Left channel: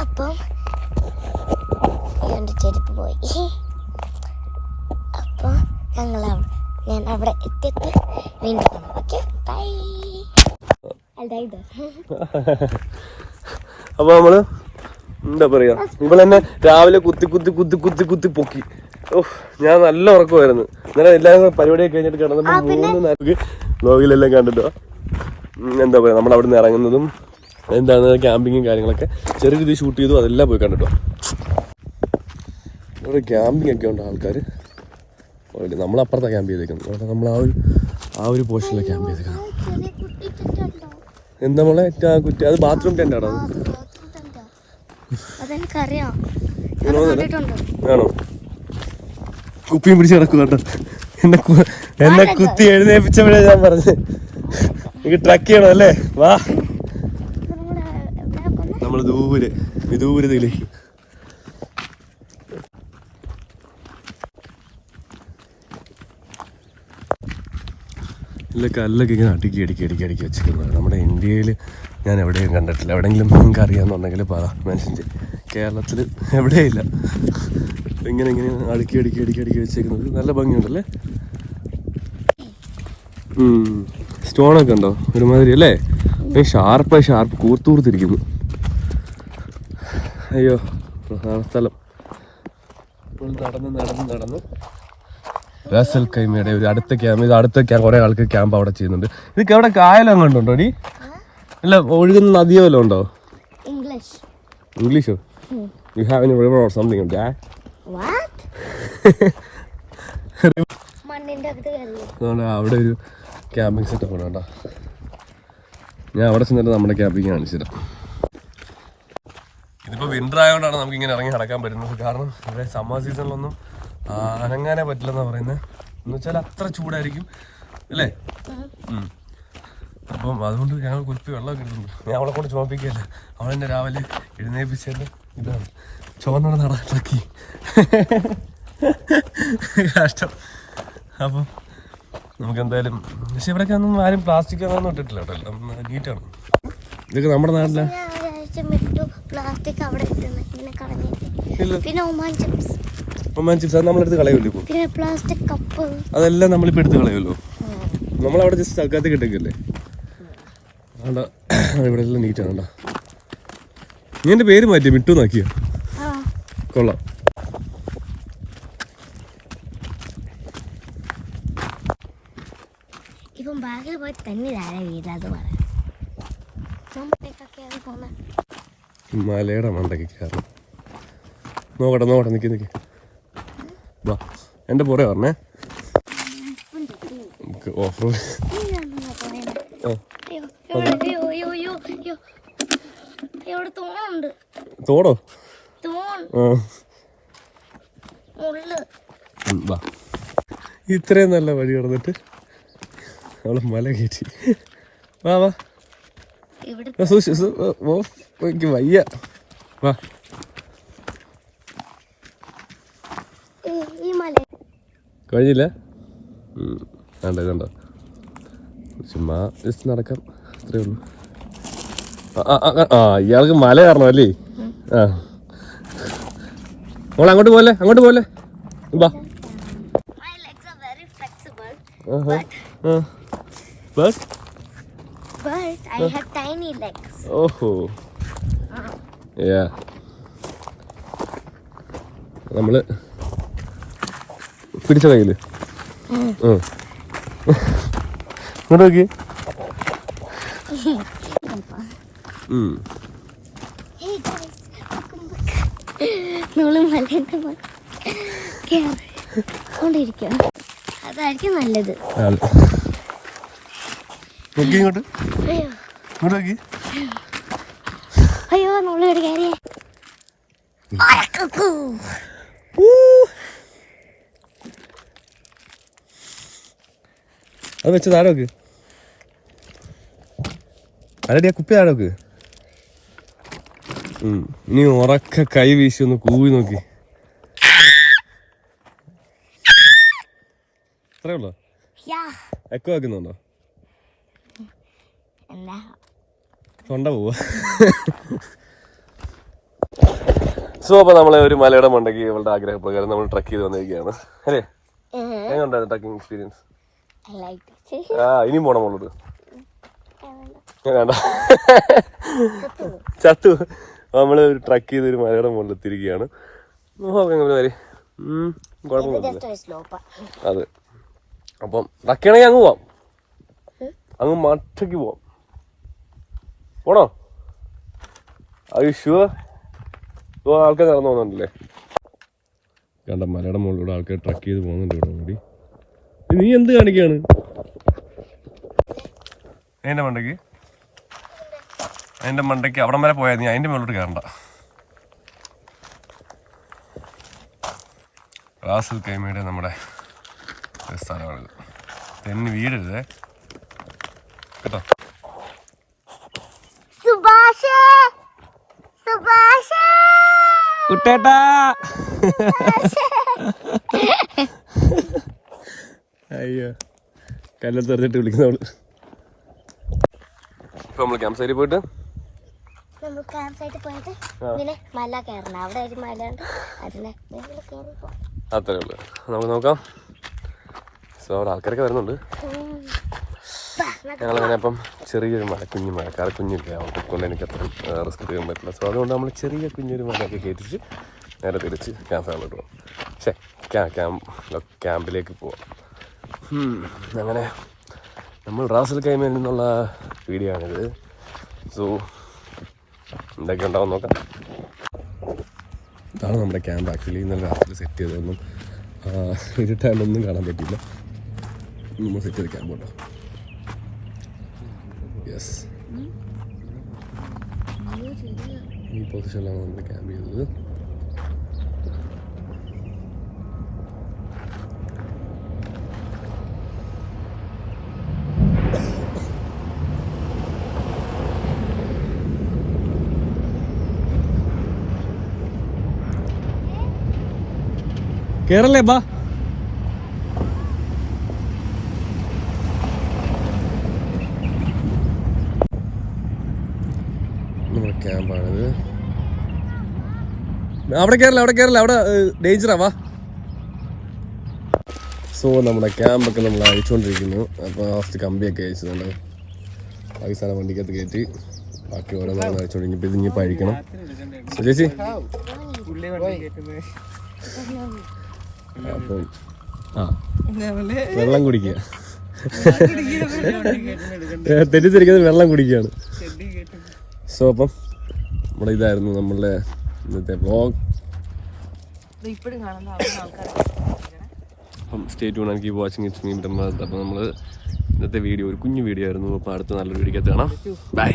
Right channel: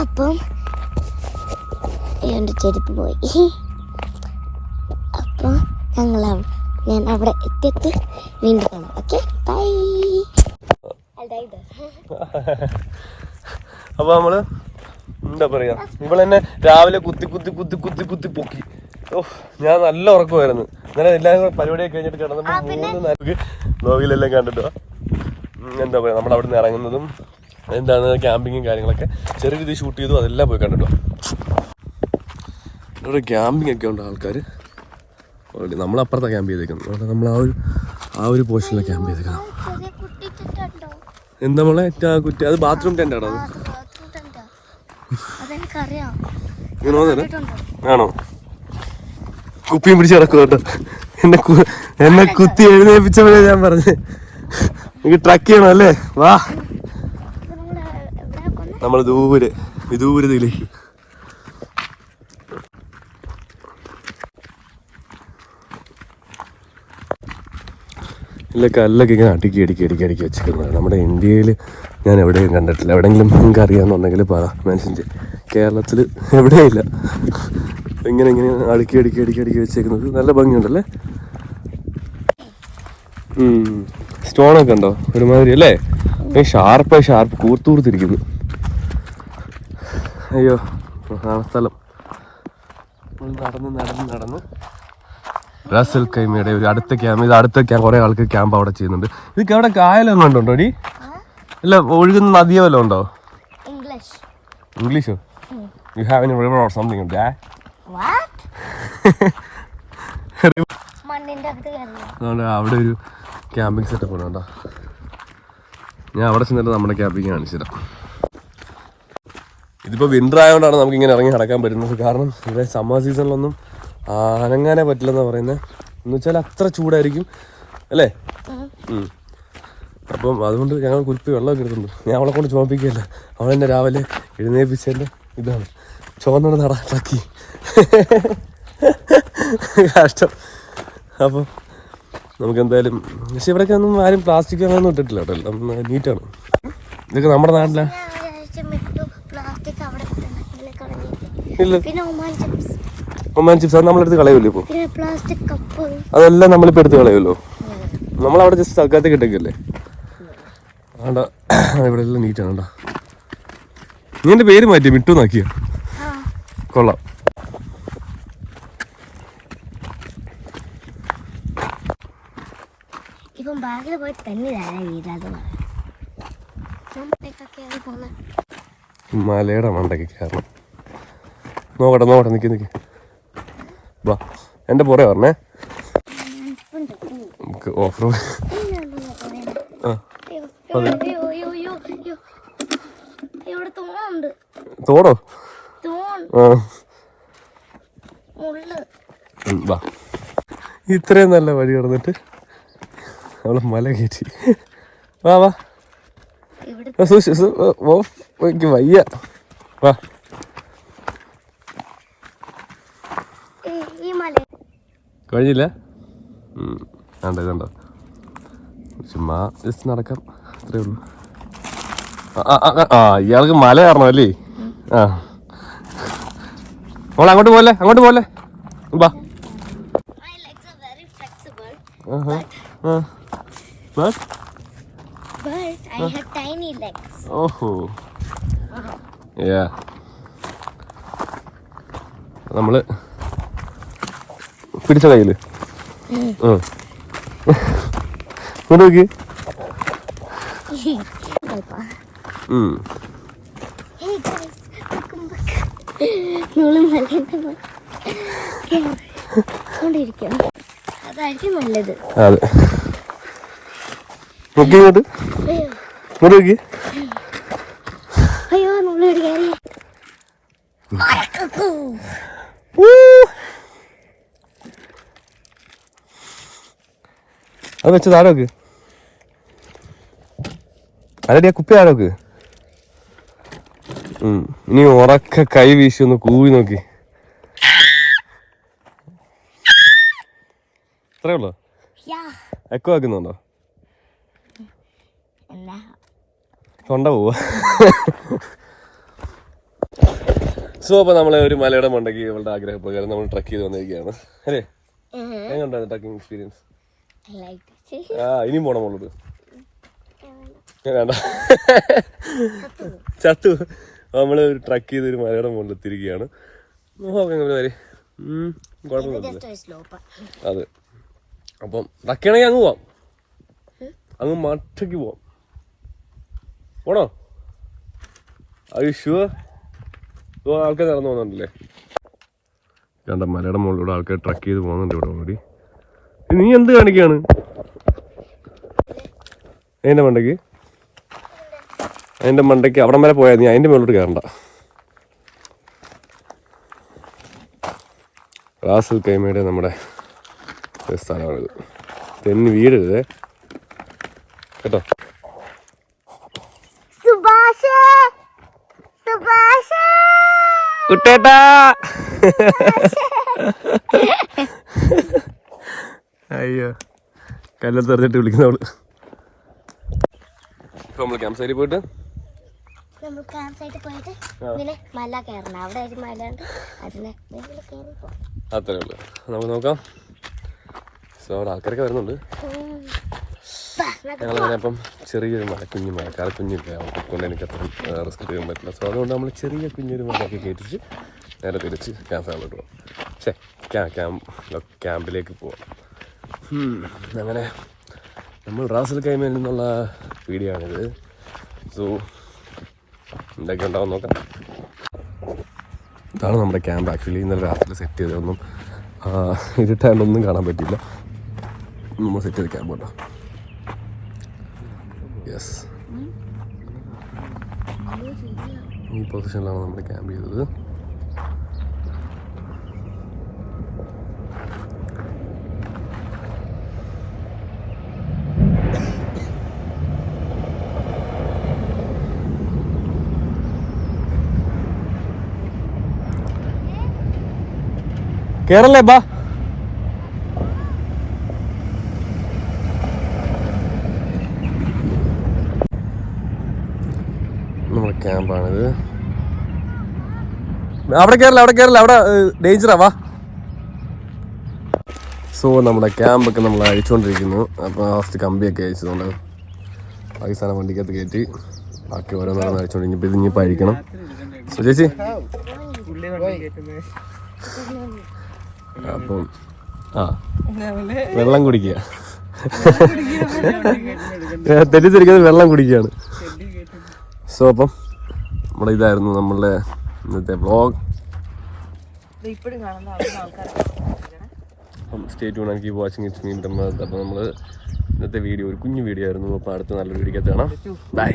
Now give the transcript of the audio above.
അപ്പം എന്റെ ചെരുപ്പ് പോയി. അപ്പോൾ ഞങ്ങൾ ഞാൻ അവിടെ എത്തിയിട്ട് വീണ്ടും കാണാം. ഓക്കെ ബൈ അപ്പൊ നമ്മൾ എന്താ പറയാ? ഇവളെന്നെ രാവിലെ കുത്തി കുത്തി കുത്തി കുത്തി കുത്തി പൊക്കി. ഓ ഞാൻ നല്ല ഉറക്കമായിരുന്നു. ഇങ്ങനെ എല്ലാവരും കൂടെ പരിപാടിയൊക്കെ കഴിഞ്ഞിട്ട് കിടന്നപ്പോ മൂന്ന് നേരത്തേക്ക് നോവിലെല്ലാം കണ്ടിട്ട്? എന്താ പറയുക നമ്മൾ അവിടെ നിന്ന് ഇറങ്ങുന്നതും എന്താണ് ക്യാമ്പിങ്ങും കാര്യങ്ങളൊക്കെ ചെറിയ രീതിയിൽ ഷൂട്ട് ചെയ്തു അതെല്ലാം പോയി കണ്ടിട്ടോ. ഇവിടെ ക്യാമ്പിംഗ് ഒക്കെ ഉണ്ട് ആൾക്കാർ നമ്മൾ അപ്പുറത്താണ് ക്യാമ്പ് ചെയ്തേക്കുന്നത്. അവിടെ നമ്മൾ ആ ഒരു ആ ഒരു പോർഷനിലാണ് ക്യാമ്പ് ചെയ്തേക്കുന്നത്. എന്താ നമ്മളെ കുറ്റി. അത് ബാത്റൂം ടെന്റാണോ ആണോ? കുപ്പിയും പിടിച്ച് കിടക്കുന്നുണ്ട് എന്നെ എന്നെ കുത്തി എഴുന്നേപ്പിച്ചപ്പോഴേ ഞാൻ പറഞ്ഞേ. എനിക്ക് ട്രക്ക് ചെയ്യണം അല്ലേ? വാ. നമ്മൾ ദൂരെ ദൂരത്തില്ലേ ഇല്ല കല്ലൊക്കെ ഇങ്ങനെ അടുക്കി അടുക്കി അടുക്കി അടുക്കി വെച്ചിരിക്കുന്നത് നമ്മുടെ ഇന്ത്യയിൽ ഞാൻ എവിടെയും കണ്ടിട്ടില്ല. എവിടെയെങ്കിലും നിങ്ങൾക്ക് അറിയാമെന്നുണ്ടെങ്കിൽ പറ മനുഷ്യൻ ചെയ്യും. കേരളത്തിൽ എവിടെയില്ല. ഇങ്ങനെ ഇങ്ങനെ അടുക്കി അടുക്കി അടുക്കി അടുക്കി വെച്ചേക്കുന്നത് നല്ല ഭംഗിയുണ്ടല്ലേ? സ്റ്റോണൊക്കെ ഉണ്ടോ? ഒരുമാതിരി അല്ലേ? ഷാർപ്പായി ഷാർപ്പ് കൂർത്തൂർത്തിരിക്കുന്നു അയ്യോ പ്രധാന സ്ഥലം. നടന്ന് നടന്ന് നടന്ന് റസൽ കൈമയുടെ ഒരു അടുത്ത ക്യാമ്പ് ഇത് അടുത്ത ക്യാമ്പ് കുറെ ആൾക്ക് ക്യാമ്പ് അവിടെ ചെയ്യുന്നുണ്ട്. ഇതൊക്കെ അവിടെ കായലും കണ്ടുണ്ടോ ഡി? അല്ല ഒഴുകുന്ന നദിയോ വല്ലതും ഉണ്ടോ? English you have any river or something ഉണ്ട് അവിടെ ഒരു ക്യാമ്പിംഗ് സെറ്റപ്പ് ഉണ്ട് കേട്ടോ. ഞാൻ അവിടെ ചെന്നിട്ട് നമ്മുടെ ക്യാമ്പിംഗ് കാണിച്ചിടാം ഇതിപ്പോൾ വിന്റർ ആയതുകൊണ്ടാണ് നമുക്ക് ഇങ്ങനെ ഇറങ്ങി നടക്കാൻ പറ്റുന്നത്. കാരണം ഇവിടെ സമ്മർ സീസണിലൊന്നും അനങ്ങാനേ പറ്റില്ലെന്ന് പറയുന്നത് എന്ന് വെച്ചാൽ അത്ര ചൂടായിരിക്കും. അല്ലേ. അപ്പം അതുകൊണ്ട് ഞങ്ങൾ കുൽപ്പി വെള്ളമൊക്കെ എടുത്തുള്ളൂ ഞാൻ അവളെ കൊണ്ട് ചുമപ്പിക്കുകയല്ല. അവളെന്നെ രാവിലെ എഴുന്നേപ്പിച്ചതിന്റെ ഇതാണ്. ചുവന്നോട് നടക്കി കഷ്ടം. അപ്പം നമുക്ക് എന്തായാലും പക്ഷെ ഇവിടെയൊക്കെ ഒന്നും ആരും പ്ലാസ്റ്റിക് അങ്ങനെയൊന്നും ഇട്ടിട്ടില്ല കേട്ടോ. എല്ലാം നീറ്റാണ് ഇതൊക്കെ നമ്മുടെ നാട്ടിലെ? ഒമാൻ ചിപ്സ് അത് നമ്മളെടുത്ത് കളയുമല്ലോ ഇപ്പോൾ അതെല്ലാം നമ്മളിപ്പോൾ എടുത്ത് കളയുമല്ലോ? നമ്മളവിടെ ജസ്റ്റ് തൽക്കാലത്തേക്ക് ഇട്ടേക്കല്ലേ? വേണ്ട ഇവിടെ എല്ലാം നീറ്റാണ് വേണ്ട നീ എന്റെ പേര് മാറ്റി മിട്ടു നാക്കിയോ കൊള്ളാം. ബാഗിൽ പോയി തന്നെ പോകുന്നത് മലയുടെ മണ്ടയ്ക്ക് കയറണം നോക്കട്ടെ നോക്കട്ടെ നിൽക്കി നിൽക്കി വാ എന്റെ പുറേ പറഞ്ഞേ നമുക്ക് ഓഫർ തോടോ ഇത്രയും നല്ല വഴി കിടന്നിട്ട് അവൾ മല കയറ്റി. വാ വാ. എനിക്ക് വയ്യ. വാ. കഴിഞ്ഞില്ല? കണ്ടോ കണ്ടോ. ചുമ്മാ ജസ്റ്റ് നടക്കാം. അത്രേ ഉള്ളൂ. ആ, ഇയാൾക്ക് മല കാരണം അല്ലേ? ആ. മോളെ അങ്ങോട്ട് പോലെ അങ്ങോട്ട് പോലെ legs are bus but I have tiny legs. ഓഹോ യാ നമ്മൾ പിടിച്ച. ഇങ്ങോട്ട് നോക്കി അതായിരിക്കും നല്ലത്. അതെ. നോക്കി ഇങ്ങോട്ട്. നോക്കി. അയ്യോ നമ്മളിവിടെ കയറി അത് വെച്ച് താഴെ നോക്ക് അല്ലടി ആ കുപ്പി താഴെ നോക്ക് ഇനി ഉറക്ക കൈ വീശി ഒന്ന് കൂവി നോക്കി. അത്രേ ഉള്ളോ? യാ. എക്കോ ആക്കുന്നുണ്ടോ? കൊണ്ട പോവാ സോ അപ്പൊ നമ്മളെ ഒരു മലയുടെ മണ്ടയ്ക്ക് ഇവളുടെ ആഗ്രഹപ്രകാരം നമ്മൾ ട്രക്ക് ചെയ്ത് വന്നിരിക്കുകയാണ്. അല്ലേ? എങ്ങനെയുണ്ടായിരുന്നു ട്രക്കിംഗ് എക്സ്പീരിയൻസ്. ആ ഇനിയും പോണം മോളോട്. വേണ്ട. ചത്തു. നമ്മൾ ട്രക്ക് ചെയ്ത് ഒരു മലയുടെ മുകളിൽ എത്തിയിരിക്കുകയാണ്. കുഴപ്പമൊന്നുമില്ല. അതെ. അപ്പം ട്രക്ക് ചെയ്യണമെങ്കിൽ അങ്ങ് പോവാം. അങ്ങ് മറ്റയ്ക്ക് പോവാം. പോണോ? ഷുവർ ആൾക്കാർ നടന്നു പോകുന്നുണ്ടല്ലേ? കണ്ട മലയുടെ മുകളിലൂടെ ആൾക്കാർ ട്രക്ക് ചെയ്ത് പോകുന്നുണ്ട് ഇവിടെ ഓടി. നീ എന്ത് കാണിക്കാണ്? എന്റെ മണ്ടയ്ക്ക്? എന്റെ മണ്ടയ്ക്ക് അവിടം വരെ പോയാൽ നീ അതിന്റെ മുകളിലോട്ട് കയറണ്ട. റാസൽ കൈമയുടെ നമ്മുടെ സ്ഥലമാണിത്. തെന്നി വീടരുതേ കേട്ടോ? കുട്ടേട്ടാ. അയ്യോ കല്ലെത്തെറിഞ്ഞിട്ട് വിളിക്കുന്നവൾ. ഇപ്പൊ നമ്മൾ ക്യാമ്പ് സൈഡിൽ പോയിട്ട്? നമ്മൾ ക്യാമ്പ് സൈറ്റിൽ പോയിട്ട് ഇങ്ങനെ മല കയറണം. അവിടെ ഒരു മല ഉണ്ട്. അതിനെ മേലെ കയറി പോകാം അത്രേ ഉള്ളു. നമുക്ക് നോക്കാം. സോ അവിടെ ആൾക്കാരൊക്കെ വരുന്നുണ്ട്. ഞങ്ങളങ്ങനെ അപ്പം ചെറിയൊരു മഴ കുഞ്ഞു മഴക്കാർ കുഞ്ഞില്ല? കൊണ്ട് എനിക്ക് അത്ര റിസ്ക് എടുക്കാൻ പറ്റില്ല. സോ അതുകൊണ്ട് നമ്മൾ ചെറിയ കുഞ്ഞൊരു മഴയൊക്കെ കയറ്റിച്ച് നേരെ തിരിച്ച് ക്യാമ്പ് പോകും ശേ ക്യാമ്പ് ക്യാമ്പിലേക്ക് പോവാം. അങ്ങനെ നമ്മൾ റാസൽ കൈമയിൽ നിന്നുള്ള വീഡിയോ ആണിത്. സോ എന്തൊക്കെ ഉണ്ടാവും നോക്കാം. ഇതാണ് നമ്മുടെ ക്യാമ്പ്. ആക്ച്വലി ഇന്നലെ രാത്രി സെറ്റ് ചെയ്തതൊന്നും ഇരുട്ടായാലൊന്നും കാണാൻ പറ്റില്ല നമ്മൾ സെറ്റ് ചെയ്ത് ക്യാമ്പ് കേട്ടോ ഈ പൊസിഷനിലാണ് നമ്മൾ ക്യാമ്പ് ചെയ്തത്. കേറല്ലേ ബാ നമ്മുടെ ക്യാമ്പാണിത് അവിടെ കയറില്ല അവിടെ കയറില്ല അവിടെ ഡേഞ്ചറാ വാ. സോ നമ്മുടെ ക്യാമ്പൊക്കെ നമ്മൾ അയച്ചുകൊണ്ടിരിക്കുന്നു. അപ്പോൾ ലാസ്റ്റ് കമ്പിയൊക്കെ അയച്ചതുകൊണ്ട് പാകിസ്ഥാന വണ്ടിക്കകത്ത് കയറ്റി ബാക്കി ഓരോന്നാണ് അയച്ചുകൊണ്ട് ഇനിയിപ്പോൾ ഇത് ഇനിയിപ്പോൾ അയക്കണം. ചേച്ചി? അപ്പം ആ. വെള്ളം കുടിക്കുക. തെറ്റിദ്ധരിക്കുന്നത് വെള്ളം കുടിക്കുകയാണ്. സോ അപ്പം നമ്മുടെ ഇതായിരുന്നു നമ്മളുടെ ഇന്നത്തെ വ്ളോഗ് ഇപ്പോഴും കാണുന്ന ആൾക്കാരൊക്കെ അപ്പം സ്റ്റേ ട്യൂൺ ആണ് കീപ് വാച്ചിങ് ഇറ്റ്സ് മീ അപ്പം നമ്മൾ ഇന്നത്തെ വീഡിയോ ഒരു കുഞ്ഞു വീഡിയോ ആയിരുന്നു. അപ്പോൾ അടുത്ത നല്ലൊരു വീഡിയോ കാണാം. ബൈ